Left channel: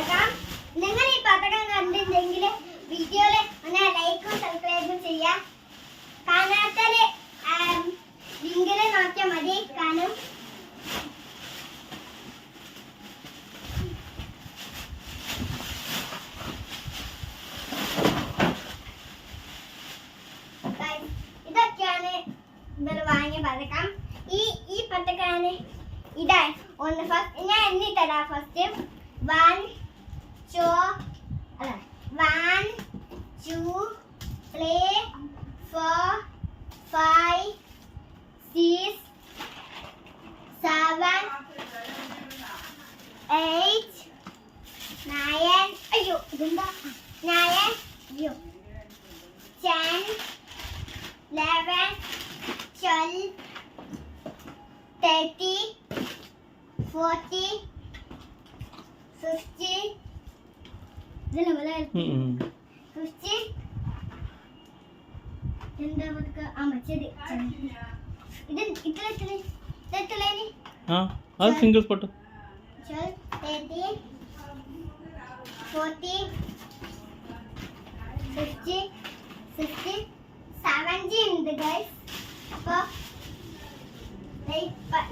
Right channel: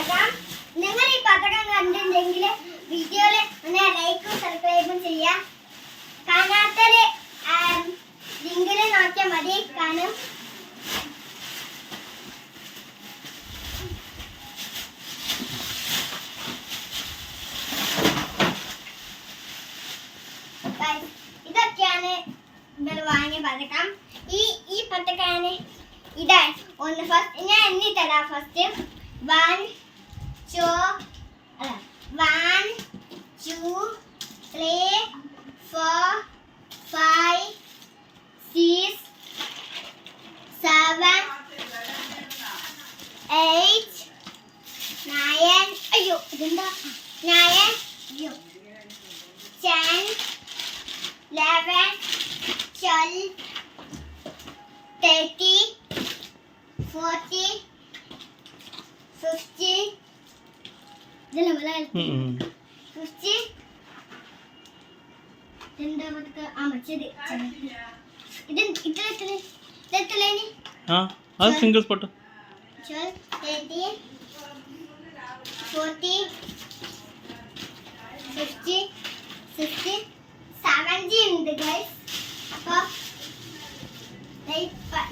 പതക്കം നിങ്ങൾ ഈ പതക്കം കണ്ടിട്ടുണ്ടെങ്കിൽ വീഡിയോയിൽ ഒന്ന് ലൈക്കും സബ്സ്ക്രൈബും ചെയ്യാം കാണാത്തൽ ലിങ്കിൽ നോക്കിയാൽ മതി. കാണും. ഇതൊക്കെയാണ് ഇവർ വാങ്ങിയ പതക്കം. ഈ ഈ പതക്കാണ്. ഇതാണ് ഒന്ന് ഫസ്റ്റ് ഞാൻ എണ്ണി തരാം first one ടു അല്ല one two three four five six seven eight nine അയ്യോ ഇതെന്താ നയൻ അയ്യോ ten eleven twelve thirty forty fifty ഇതല്ലേ ലൈന് ആ അത് സിംഗിൾ സ്പോട്ട്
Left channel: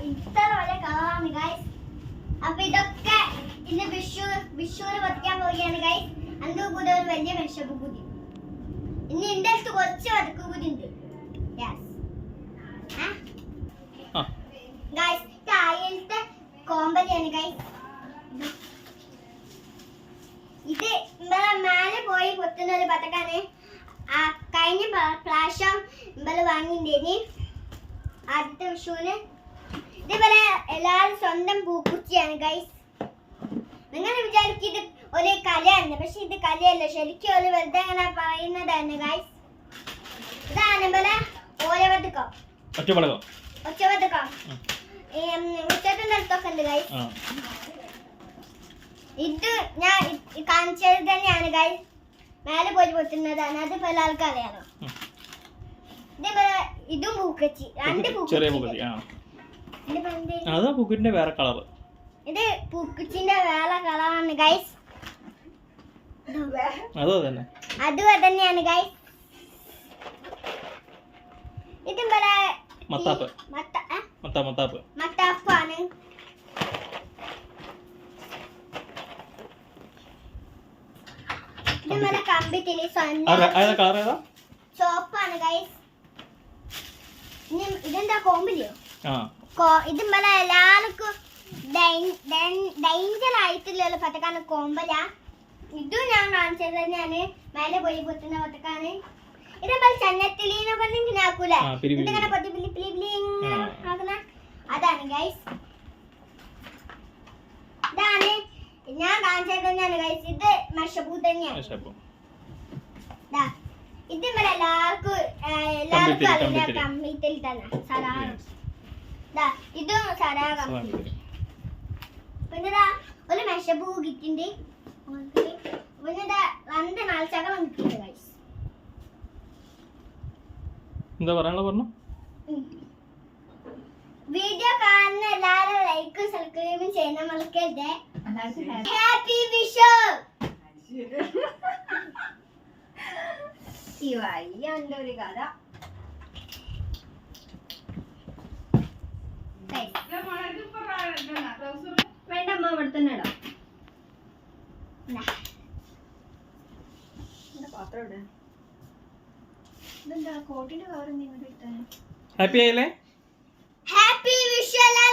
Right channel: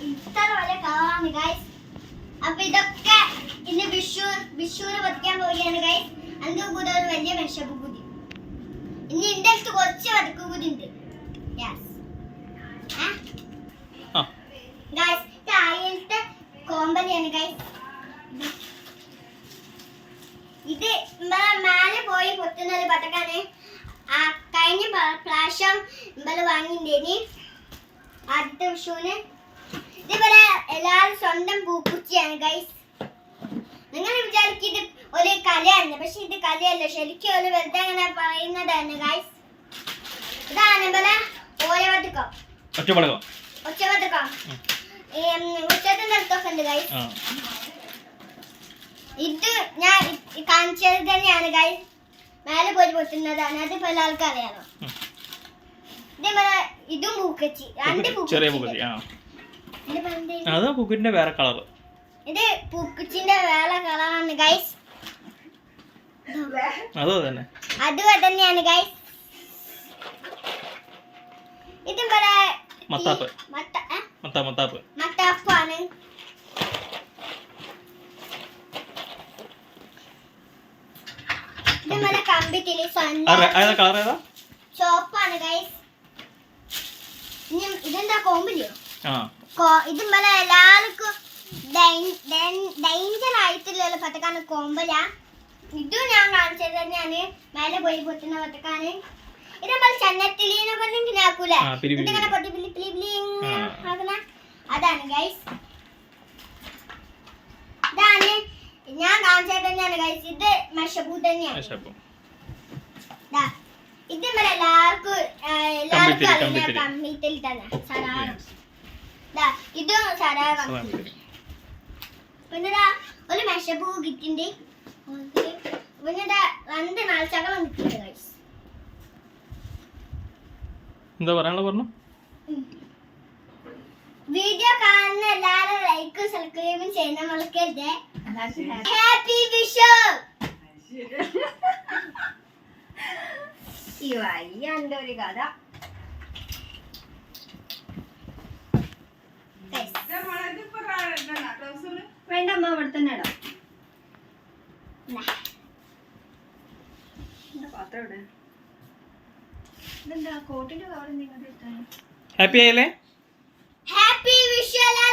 ഇത്ര വലിയ കളറാണ് ഗൈസ് അപ്പൊ ഇതൊക്കെ ഇന്ന് വിഷു വിഷുവിന് പതിക്കാൻ പോവുകയാണ് ഗൈസ് അതിന്റെ കൂടെ ഒരു വലിയ വിഷപ്പ് കൂടി ഇനി എന്റെ അടുത്ത് കുറച്ച് വതക്ക് കൂടി ഉണ്ട്. ഗൈസ് താഴത്തെ കോമ്പലിയാണ് ഗൈസ് ഇത് മേലെ പോയി പൊത്തുന്ന ഒരു പതക്കാണ്. ആ കഴിഞ്ഞ പ്ര- പ്രാവശ്യം ഇമ്പൽ വാങ്ങിണ്ടേനി. ആദ്യത്തെ വിഷുവിന്. ഇതേപോലെ എല്ലാവരും സ്വന്തം പൂക്കുച്ചിയാണ് ഗൈസ് നിങ്ങൾ വിചാരിക്കും ഇത് ഒരു കലയാണ് പക്ഷെ ഇത് കലയല്ല. ശരിക്കും ഒരു വെറുതെ അങ്ങനെ പറയുന്നതാണ് ഗൈസ് ഇതാണ് പോലെ ഓരവത്തക്കം ഒറ്റപ്പടകം ഒച്ചവത്തക്കം ഉച്ചത്തിന്റെ അടുത്തൊക്കെ ഉണ്ട് ഗൈസ് ഇത് ഞാൻ കാണിച്ചത് തന്നെയാണ് ഗൈസ് മേലെ പോയി പൊട്ടുന്നതാണ്. അത് പല ആൾക്കും അറിയാലോ ഇതേപോലെ ഇതും പൂക്കച്ചി. രണ്ട് പൂക്കച്ചി. അതാ എന്തേനു? വേറെ കളർ ഇത് പൂക്കുച്ചിന്റെ വേറെ കളറാണ് ഗൈസ് അത് തന്നെ അതും തന്നെയാണ് ഗൈസ് ഇതും പോലെ മത്താപ്പ്. മത്ത മത്താപ്പ്. മത്താപ്പാണ്. ഇതും ചോപ്പാണ് ഗൈസ് ഇതെന്താ കോമ്പില്ലയോ ആ. കോ- എല്ലാവർക്കും ഡേഞ്ചർ ആയിട്ടുള്ള പത്തക്കാണ് കോമ്പല. ഇതും ഞാൻ കാണിച്ചത് തന്നെയാണ്. മേലെ പോയി പൊട്ടുന്ന പത്തക്കാണ് ഇത് നമ്മൾ ചന്നത്തിലീനെ കൊണ്ട് ഇങ്ങനെ ആക്കൂലേ? ആ, പിരി പിരി ഇതിങ്ങനെ പൊട്ടി പിളി പിളി പിളി. ആക്കുന്ന അതാണ് ഗൈസ് ഇതാണ്. ഞാൻ കാണിച്ചത് തന്നെയാണ് ഗൈസ് ഇത് മഷബൂ തന്നെയാണ്. ഇത് ഇവിടെ എല്ലാവർക്കും എല്ലാവർക്കും. കമ്പിത്തിരി. തന്നെ സരാഗം ദാ, ഇതും സരാഗം പിന്നെ ദാ, ഒരു മെഷപ്പൂ കിട്ടിണ്ട് പിന്നെ ദാ രണ്ട് നാൽച്ചകം കിട്ടിണ്ട് ഗൈസ് എന്താ പറയാനുള്ള പറഞ്ഞു? വീഡിയോ കാണുന്ന എല്ലാവരും ലൈക്കും സബ്സ്ക്രൈബും ചെയ്യുന്ന മറക്കരുത് ഹാപ്പി വിഷു ഈ വയ്യന്റെ ഒരു കഥ. Guys, ഇടണ്ട അമ്മ അവിടെ തന്നെ ഇടാം. പാത്രം ഇതെന്താ കോട്ടിന്റെ കവർ നിങ്ങൾ ഹാപ്പി ആയില്ലേ? ഹാപ്പി വിഷുവലാ